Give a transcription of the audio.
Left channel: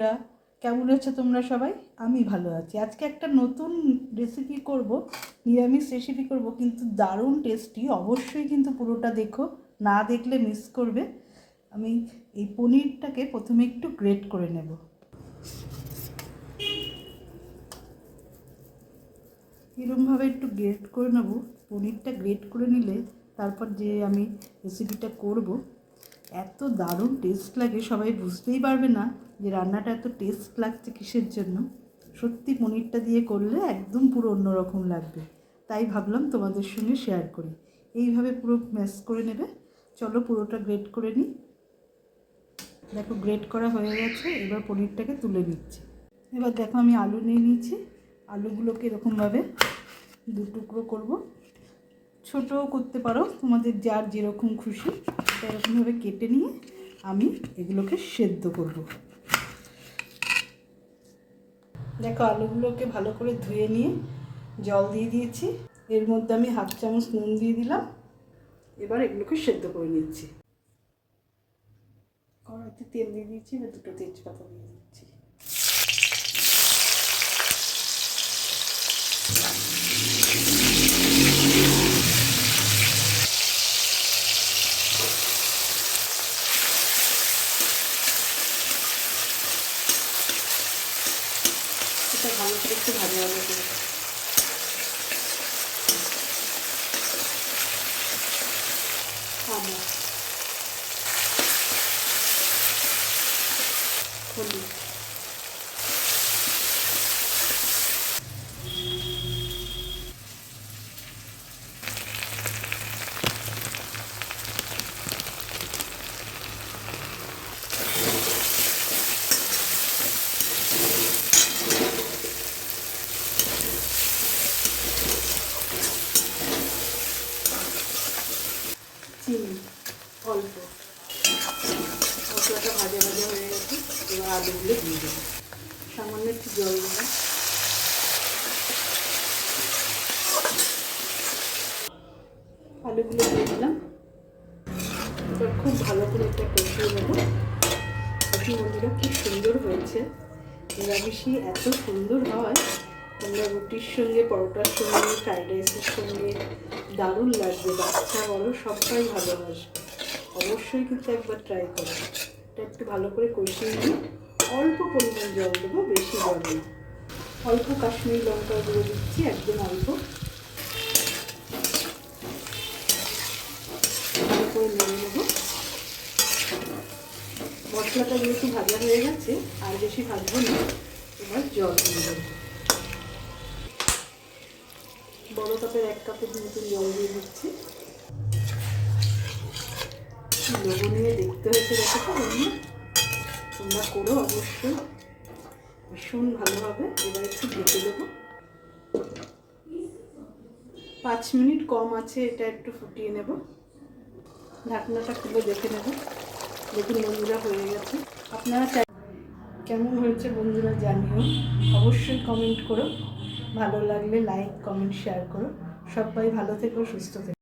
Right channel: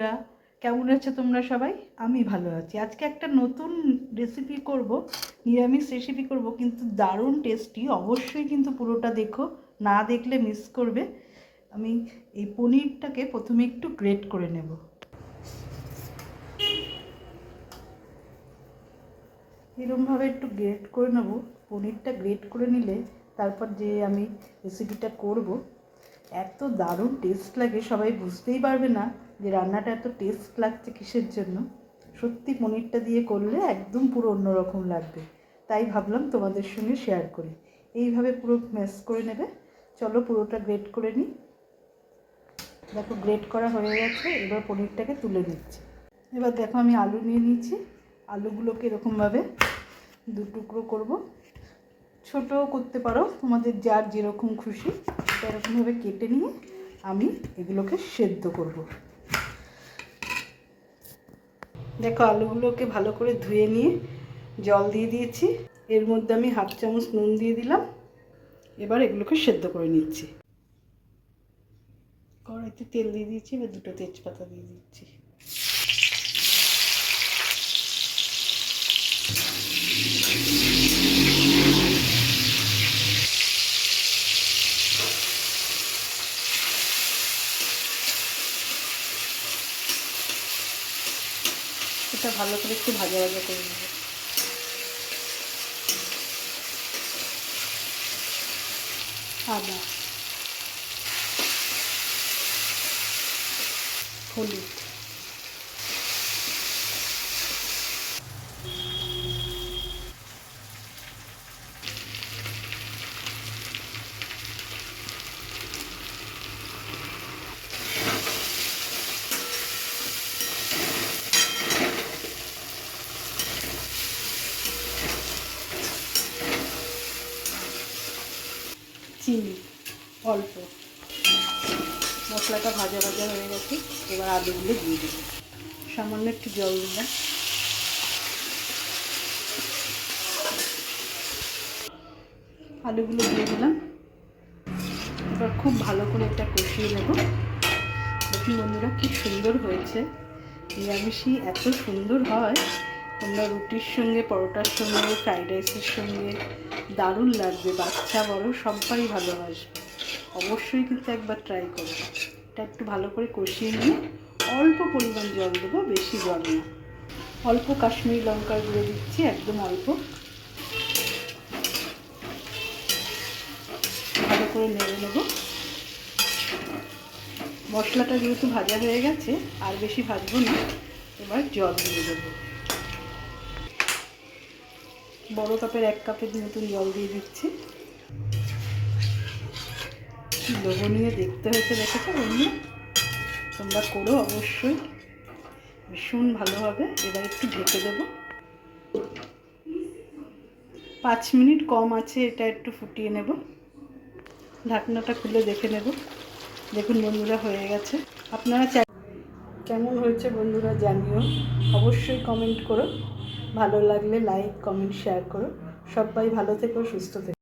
বন্ধুরা, কেমন আছো তোমরা সবাই? আমি ভালো আছি। আজকে একটা নতুন রেসিপি করব, নিরামিষ রেসিপি করব, কিন্তু দারুণ টেস্টি। অবশ্যই কিন্তু পুরোটা দেখো, না দেখলে মিস করবে। আমি এই পনিরটাকে প্রথমে একটু গ্রেট করে নেব। এরকমভাবে একটু গ্রেট করে নেব। পনিরটা গ্রেট করে নিলে তারপর যে আমি রেসিপিটা করব, এত দারুণ টেস্ট লাগে, সবাই বুঝতেই পারবে না যে রান্নাটা এত টেস্ট লাগছে কিসের জন্য। সত্যি পনিরটা দিয়ে করলে একদম পুরো অন্যরকম লাগবে, তাই ভাবলাম তোমাদের সঙ্গে শেয়ার করি। এইভাবে পুরো ম্যাশ করে নেবে। চলো পুরোটা গ্রেট করে নিই। দেখো গ্রেট করা হয়ে গেছে, এবার পনিরটাকে তুলে নিচ্ছি। এবার দেখো আমি আলু নিয়ে নিয়েছি। আলুগুলোকে এরকমভাবে দু টুকরো করবো, ছোটও করতে পারো, তোমাদের যার যেরকম খুশি। এরকমভাবে কেটে নিয়ে আমি এগুলোকে সেদ্ধ করব। দেখো আলুগুলোকে ভালো করে ধুয়ে নিয়ে জল দিয়ে দিয়েছি। এর মধ্যে আমি হাফ চামচ নুন দিয়ে দিলাম। এবার এগুলোকে সেদ্ধ করে নিচ্ছি। কড়াইতে তেল দিয়ে দিয়েছি, এবার দুটো তেজপাতা দিয়ে দিচ্ছি। এটা ভালো করে একটু ভাজা ভাজা করে নেব। আদা, হলুদ, চিনি অল্প। মশলাটা ভাজা ভাজা হয়ে গেছে, এবার আলুগুলো দিয়ে দেবো। সামান্য একটু জল দিলাম। আলুগুলো দিয়ে দিলাম। এবার খুব ভালো করে এটা কষিয়ে নেব। দেখি বন্ধুরা কি সুন্দর হয়েছে। নিরামিষই এত সুন্দর হয়, তোমরা রুটির সঙ্গে, পরোটার সঙ্গে, ফ্রাইড রাইসের সঙ্গে দারুণ লাগবে। বাচ্চা বড় সবাই ভালোবাসবে। অবশ্যই কিন্তু একবার ট্রাই করো। এটা একটু ভালো করে কষিয়ে নিয়ে অল্প পরিমাণ জল দেবো, বেশি জল না। অল্প কাশ্মীরি লঙ্কার গুঁড়ো দিচ্ছি, একদম অল্প। ভালো করে নেড়ে নেবো। মশলাটা যেহেতু ভাজা হয়ে গেছে, আর বেশি ভাজবো না। এবার জল দিয়ে দেবো। বড় কাপের 1 কাপের মতন জল দিয়ে দিচ্ছি। লবণীয় দেখতে হয়েছে, দেখো তো বন্ধু, তোমরা করো অবশ্যই, ভীষণ ভালো হবে। এবার একটু ঢেকে দেবো। 5 মিনিট কম আছে, এটা একটু ফুটিয়ে নেব। ঢাকনাটা খুলে দেখে নেব। দেখুন বন্ধুরা হয়ে গেছে। আপনারা কেমন হয়েছে বন্ধুরা জানিও, অবশ্যই কমেন্ট করো। ভালো লাগলে লাইক, কমেন্ট, শেয়ার করো। সবাই ভালো থেকো, সুস্থ থেকো।